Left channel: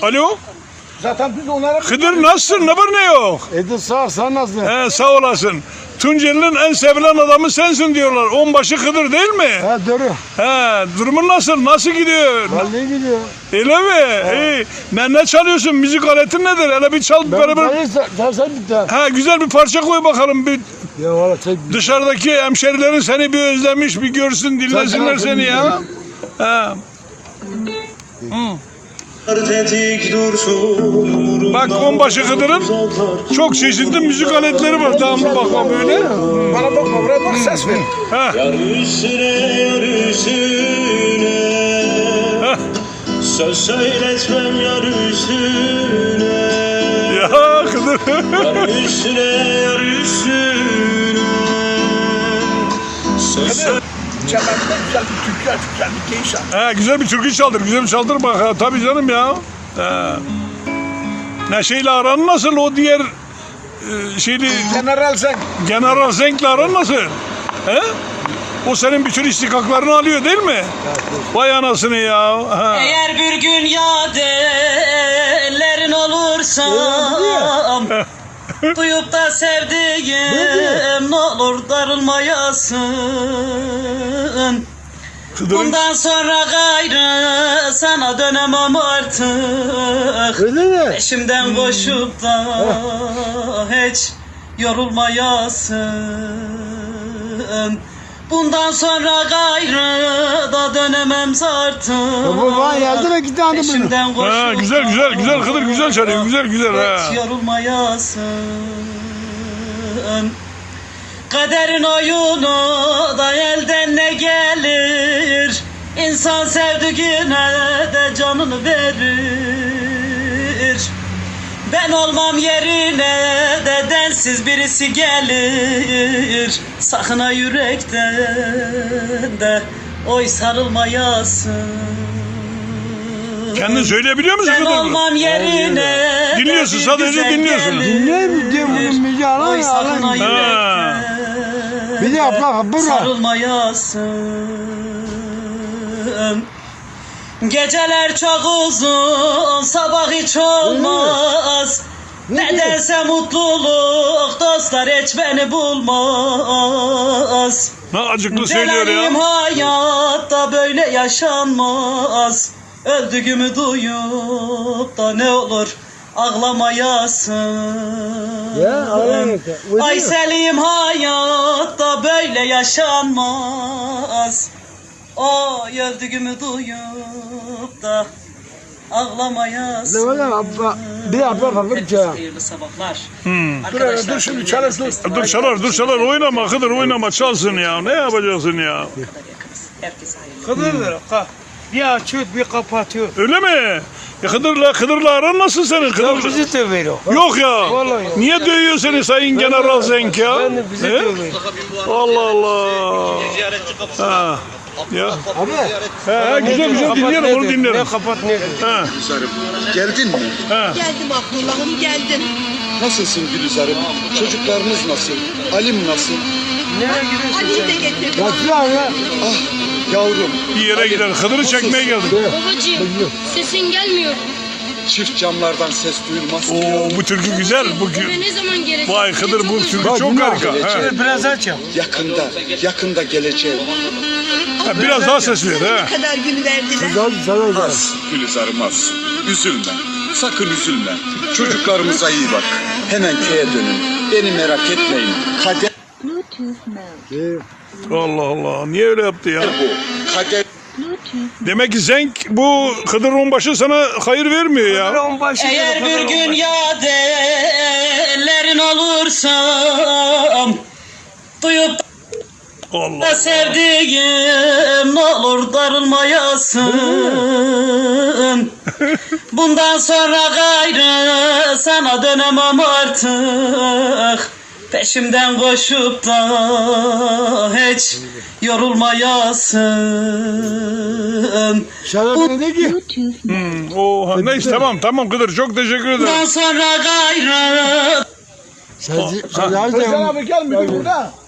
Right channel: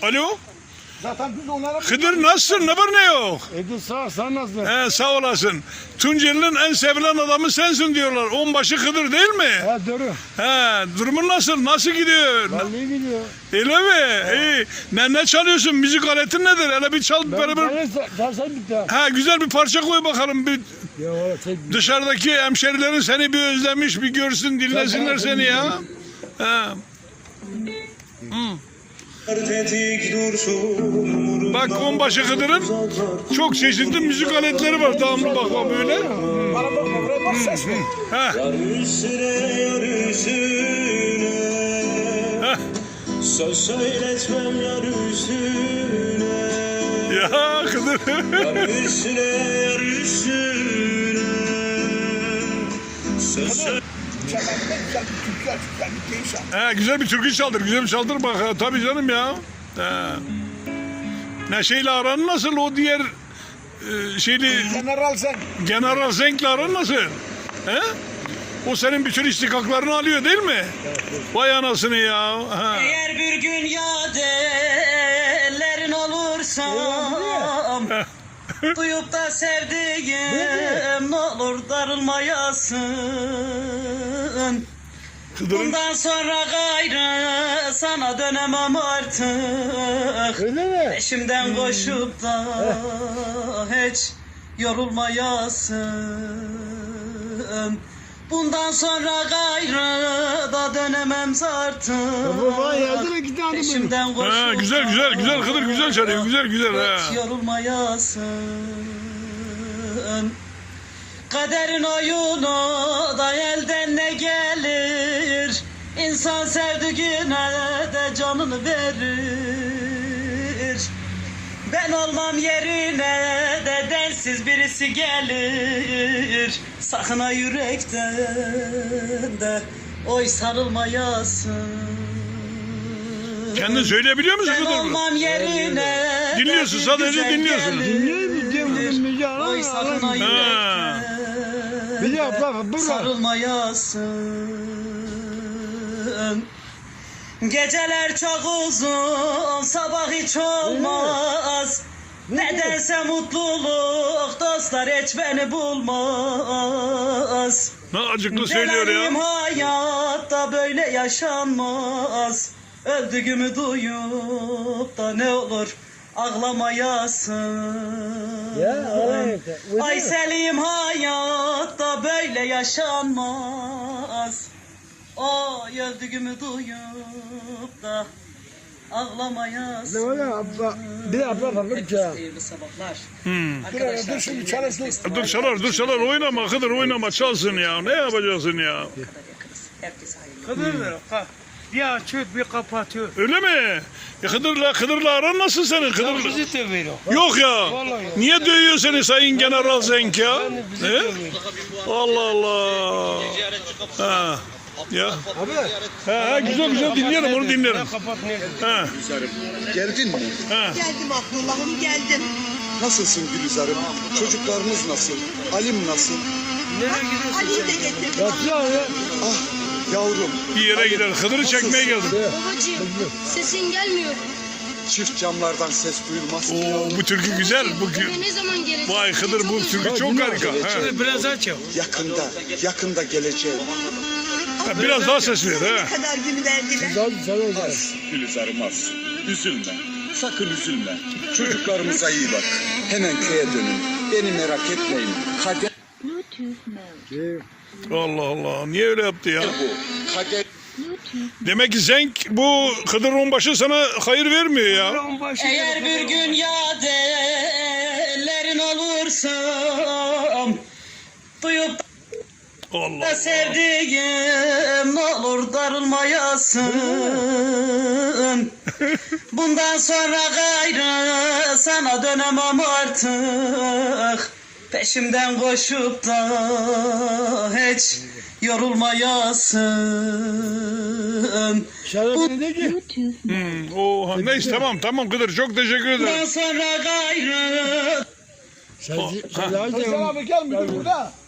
Alo. Zaten biz onlara... Hıdır nasılsın? Ne var ne yok? Edi sağ ol, sen nasılsın? Sağ olasın. Tunceli'nin en sevilen adamı sensin diyorlar. Onbaşı Hıdır değil mi? Ha doğru. Durumun nasıl? Nasıl gidiyor? Vallahi gidiyor. Öyle mi? İyi. Ne çalıyorsun? Müzik aletin nedir? Hele bir çal beraber. Sen bitti. Güzel bir parça koy bakalım. Bir Ya valla çek. dışarıdaki hemşerilerin seni bir özlemiş, bir görsün, dinlesinler seni ya. Bak onbaşı Hıdır'ın çok çeşitli müzik aletleri var. Devamlı bakma böyle. Bana bakma, buraya bak, ses ver. Yar üstüne, yar üstüne. Söz söyletmem yar üstüne. Ya Hıdır. Yar üstüne, yar üstüne. Söz Çemen'den güzel bir türkü aç, güzel bir keyif al. Güzel bir türkü çaldır. Güzel bir çaldır bak. Tabii canım ya. Neşe'yle aran nasıl? O diğer şeyli General sen. General Zenk'le aran nasıl? O senin bütün istikaklarını alıyor değil mi? Vay anasını ya. Eğer bir gün yad ellerin olursam duyup da sevdiğim ne olur darılmayasın. Bundan sonra gayrı sana dönemem artık. Öyle mi? Peşimden koşup da hiç yorulmayasın. Bundan sonra gayrı da dönemem artık. Baba yardım et, git hadi bunu. Peşimden koşup Güzel Hıdır güzel çalıyor. Güzel. hiç yorulmayasın. Kaderin oyunu da elden ne gelir? İnsan sevdiğine de canını verir. Ben olmam yerine de densiz birisi gelir. Sakın ha yürekten de oy sarılmayasın. Kendin söyleyebiliyor musun Ben Hıdır? olmam yerine Dinliyorsun, sadece dinliyorsun. Dinliyor mu? Diyor bunun müziği Oy alan sakın ha alan. yürekten Bir de yapma, bırak. sarılmayasın. Geceler çok uzun, sabah hiç olmaz. Nedense mutluluk dostlar hiç beni bulmaz. Ne acıklı söylüyor Delerim ya. hayatta böyle yaşanmaz. Öldüğümü duyup da ne olur ağlamayasın. Ya ağlamayın. Ay Selim hayatta böyle yaşanmaz. Oy öldüğümü duyup da ağlamayasın. Ne var lan abla? Bir abla bakınca. Herkese hayırlı sabahlar. Dur şimdi çalış dur. Dur çalar oynama Hıdır oynama çalsın ya. Ne yapacaksın ya? Herkese hayırlı. Hıdır bir açıyor bir kapatıyor. Öyle mi? Hıdır'la aran nasıl senin? Ya Hıdır... bizi dövüyor. Yok ya. Vallahi. Niye dövüyor seni Sayın General Zenk ya? Ben de bizi He? dövüyor. Allah Allah. Ha. Ya. Abi. Güzel dinlerim onu dinlerim. Ne kapat ne diyor? Ha. Gülizar'ım, geldin mi? Geldim Abdullah'ım geldim. Nasılsın Gülizar'ım? Çocuklarımız nasıl? Halim nasıl? Nereye gidiyorsun Ali'yi sen? de getirdim. Bakıyor ya. Ah yavrum, Bir yere gider. Hıdır'ı çekmeye geldik. Babacığım sesin gelmiyor. çift camlardan ses duyulmaz. Oo, bu türkü güzel. Ne zaman gelecek? Vay Hıdır bu türkü Bak, çok dinle. harika. Ha. Biraz aç ya. Yakında geleceğim. Biraz daha ses ver. Ha. Ne kadar gün verdiler. Hadi sana da. Az Gülizar'ım az. Üzülme, sakın üzülme. Çocuklarımıza iyi bak. Hemen köye dönün. Beni merak etmeyin. Kader Allah Allah. Niye öyle yaptı ya? bu. Kader Demek ki Zenk bu Hıdır onbaşı sana hayır vermiyor ya. Eğer bir gün yad ellerin olursam duyup Allah. da sevdiğim ne olur darılmayasın. Bundan sonra gayrı sana dönemem artık. Peşimden koşup da hiç yorulmayasın. Şarabı ne ki? Neyse tamam Hıdır çok teşekkür ederim. Bundan sonra gayrı Sen abi gelmedi burada.